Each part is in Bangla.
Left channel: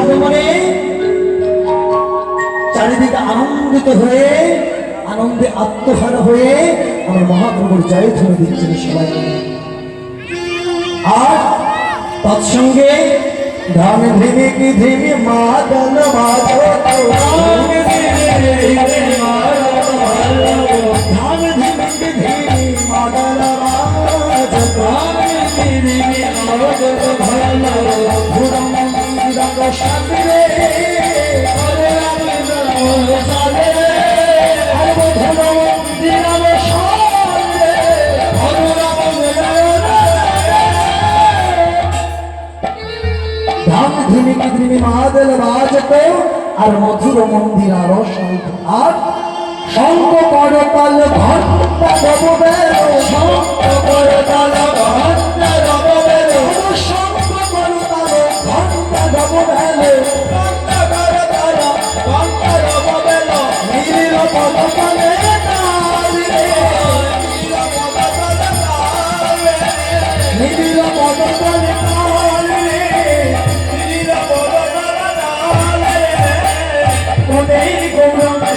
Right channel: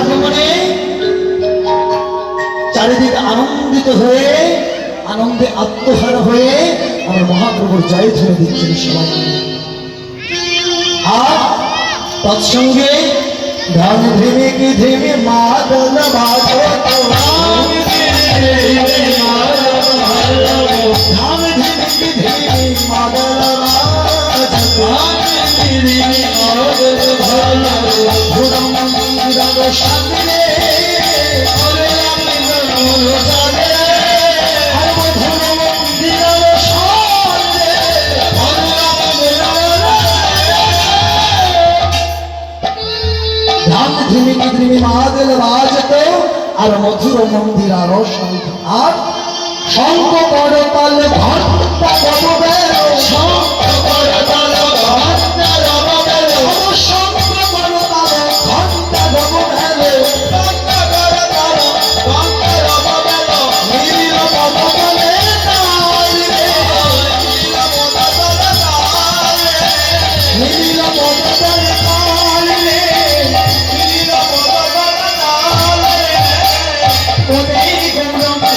আগমনে চারিদিকে আনন্দিত হয়ে, আনন্দে আত্মহারা হয়ে আমার মহাপ্রভুর জয় ধরে দিচ্ছেন সবাই। আর তৎসঙ্গে ধন ধীমে কি ধীমে মাদল মাদল ধন ধীমে কি ধীমে মাদল মাদল ধিমিকি ধিমি মাদেল বাজতে আর মধুর মন্দির আরও শঙ্খ আর শঙ্খ করতাল ঘণ্টা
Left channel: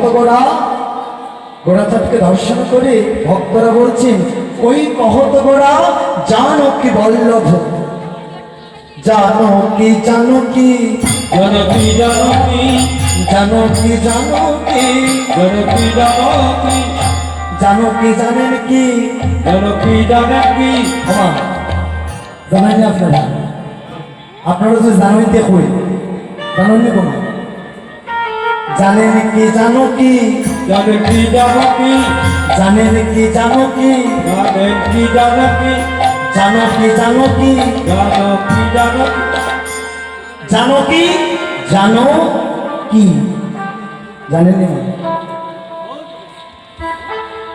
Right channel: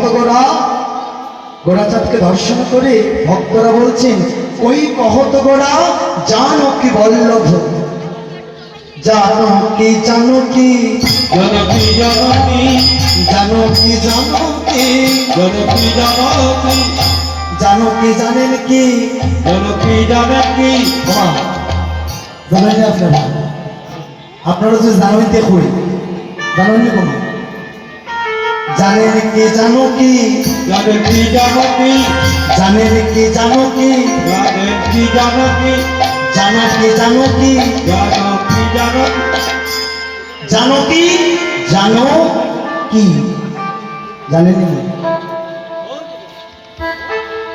ওই কহত গোড়া? গোড়াচাঁদকে দর্শন করে ভক্তরা বলছেন ওই কহত গোড়া জানো কি বল্লভ? জানো কি জানো কি? জনকি জনকি জানো কি? জানো কি জনকি জনকি জানো কি জানেন কি? জনকি জনকি ক্ষমা জানেন না আপনারা? আপনারা যে জানেন দেখুন জানেন কোনো জানেন কি জানো কি? জনকি জনকি জানেন কি জানো কি? জনকি কি জানো কি? জানো কি জনকি জনকি জানো কি জানো কি? জানো কি? জানেন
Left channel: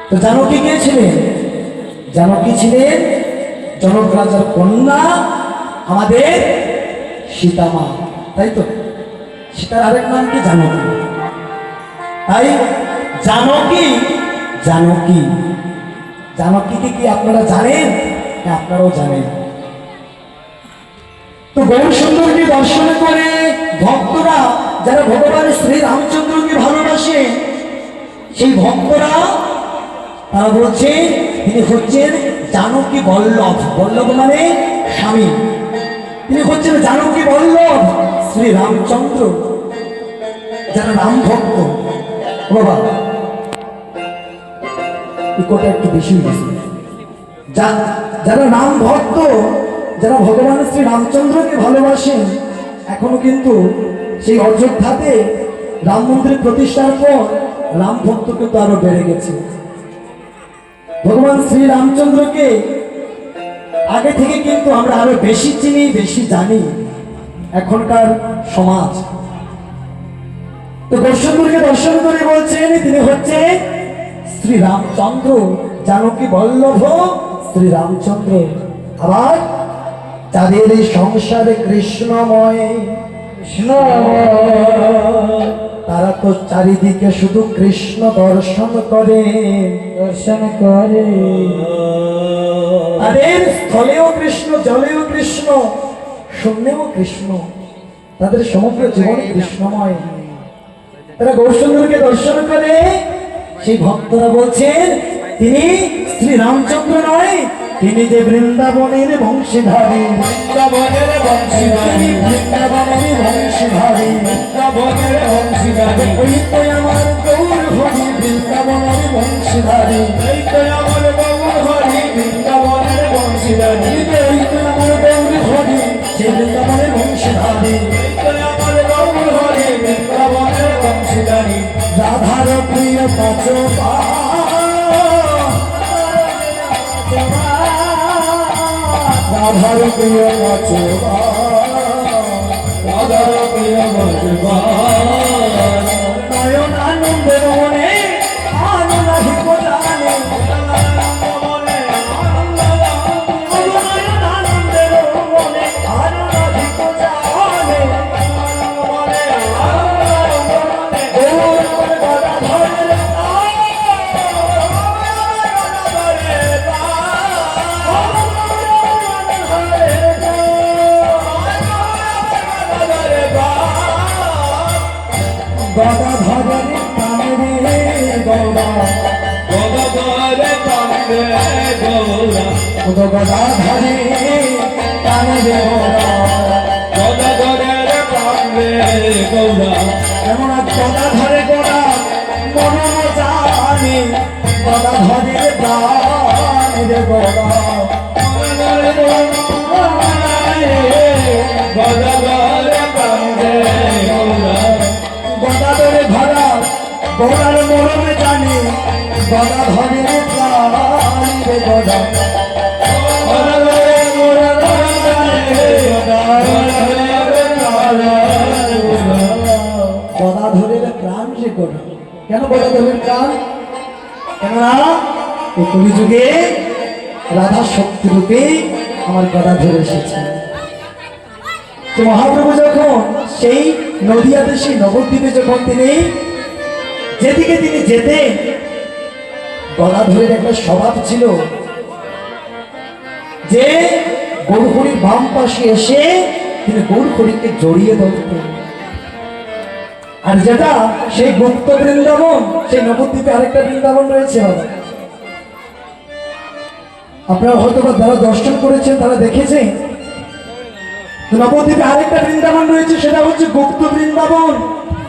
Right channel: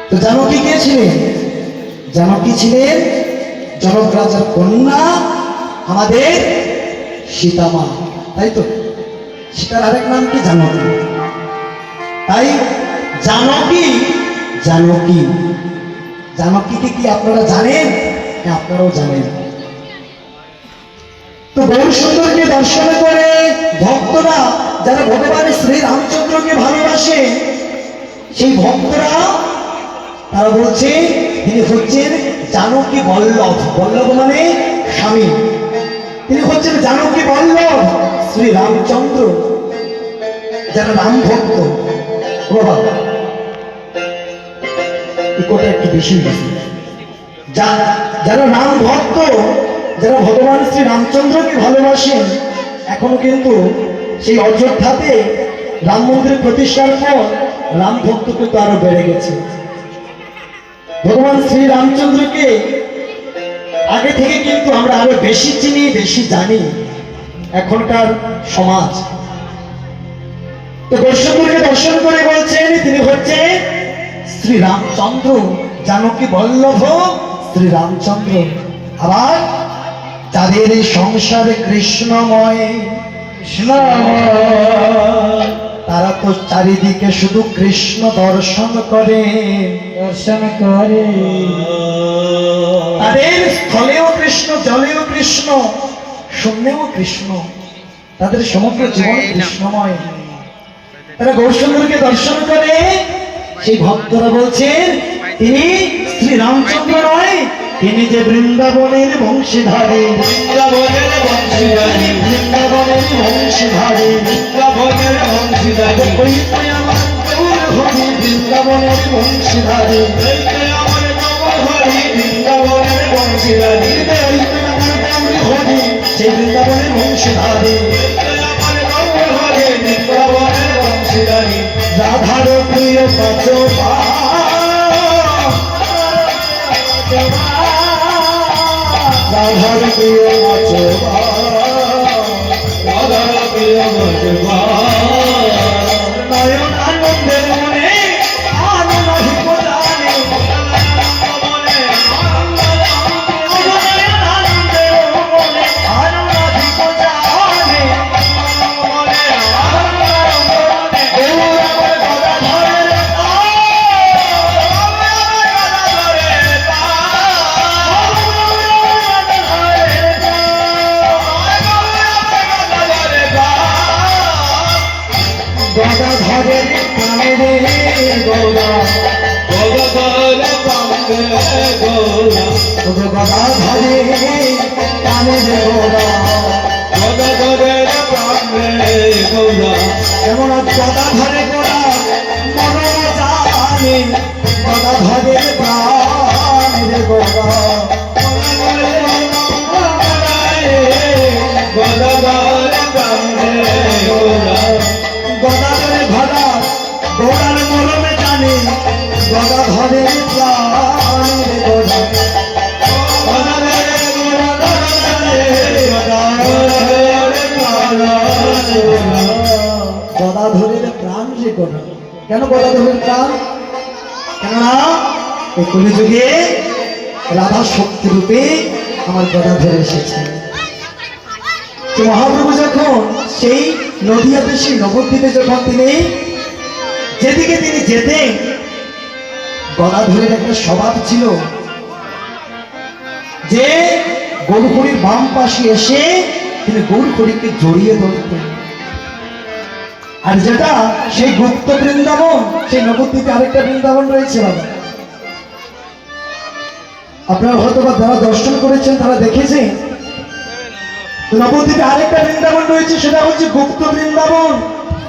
তো জানো কি কে ছিলেন? জানো কি ছিলেন? জনক রাজার কন্যা আমাদের সীতামা তাই তো? সীতার আরেক নাম কি? জানকী তাই জানকী জানকী জানকীকে কি? আপনারা জানেন? আপনারাও জানেন। তো গৌর সুন্দরকে দর্শন করে ভক্তরা, যারা ভগবান শ্রী রামচন্দ্রকে ভালোবাসে, সেই ভক্তরা, তারা বলছে, তিনি হচ্ছেন জানকী বল্লভ। বল্লভ মানে স্বামী। তিনি হচ্ছেন জানকী বল্লভ শ্রী রামচন্দ্র, যারা রাম ভক্ত। বাবা ইকোটা একটু বেশি হয়ে গেছে। যা- যারা রাম ভক্ত, যারা ভগবান শ্রী রামচন্দ্রকে ভালোবাসেন, এখনও কিন্তু সেই অযোধ্যাতে রাম মন্দির প্রতিষ্ঠার পর রাম ভক্ত কিন্তু আরও বেড়ে গেছে। ভগবান শ্রী রামচন্দ্রকে আগে থেকে কিন্তু আমরা আরও বেশি চিনি, বেশি জানি। এখনকার সমাজ। তো দর্শন করে বলছেন তিনি হচ্ছে শ্রী রামচন্দ্র জানকী বল্লভ? শ্রী রামচন্দ্র আবার তাদের এই সংসারে কৃষ্ণময়। কৃষ্ণময় তারা তো চারিদিকে শুধু কৃষ্ণ দর্শন করে। দর্শন করে। তাদের স্থলেও কৃষ্ণ জলেও কৃষ্ণ শূন্যেও কৃষ্ণ। তাদের সমগ্র জীবন কৃষ্ণময়। তারা গৌরচন্দ্রকে দর্শন করে। সেই ভক্তরা বলছেন তিনি শ্রী রামচন্দ্র নয় তিনি যে বৃন্দাবনের বংশীধারী। বৃন্দাবনের বংশীধারী। বৃন্দাবনের বংশীধারী। বৃন্দাবনের বংশীধারী। ওই তো আমার গৌর হরি বৃন্দাবনের বংশীধারী। এই তো আমার গৌর হরি বৃন্দাবনের বংশীধারী। ওই তো আমার গৌর হরি সেই বৃন্দাবনের প্রিয় পাচ রাধার প্রিয় মজবা গদাধরের প্রাণে রে গৌরা। গদাধরে কান্দে গৌরা। গদাধরে প্রাণে রে গৌরা। এমন গদাধরে গোড়া মনে জানি গদাধরের প্রাণে কেন গদাধরের প্রাণ কেননা এই কলিযুগে রাধা শক্তি রূপে আমার গদাধর এসেছে। যে মহাপ্রভু যখন সেই নদিয়াতে, সেই নবদ্বীপে যখন তিনি যেদিকে তিনি যেতেন গদাধরের একটা স্বভাব ছিল যে গরুখড়ির বাম পাশে এসে তিনি গরুখড়িকে জড়িয়ে ধরতেন। আর যেটা সেই গুপ্ত বৃন্দাবন, সেই নবদ্বীপে আরেকটা বৃন্দাবন রয়েছে বাবা। আপনারা হয়তো বা যারা দর্শন করেছেন, তারা দেখেছেন। নবদ্বীপে আরেকটা বৃন্দাবন রয়েছে, সেটা হচ্ছে গুপ্ত বৃন্দাবন।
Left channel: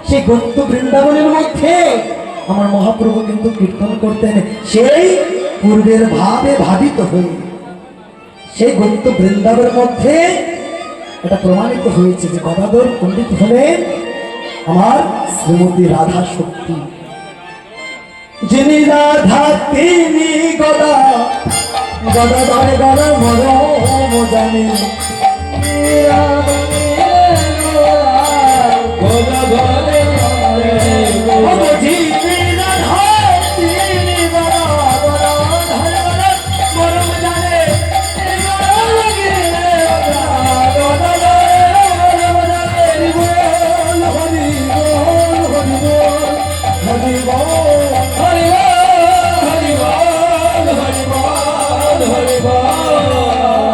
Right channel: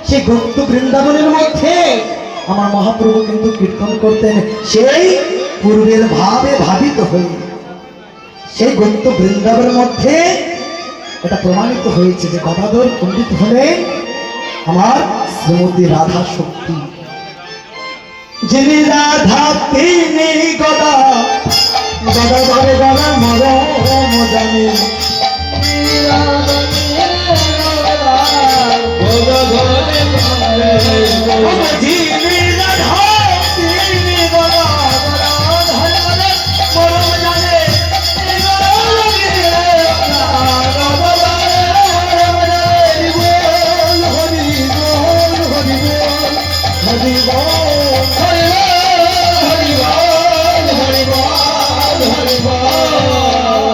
সেই গুপ্ত বৃন্দাবনের মধ্যে আমার মহাপ্রভু কিন্তু কীর্তন করতেন। সেই পূর্বের ভাবে ভাবিত হই সেই গুপ্ত বৃন্দাবনের মধ্যে এটা প্রমাণিত হয়েছে যে গদাধর পণ্ডিত হলেন আমার শ্রীমতী রাধা শক্তি। যিনি রাধা তিনি গদা। গদা ধরে গদা মরম জানি।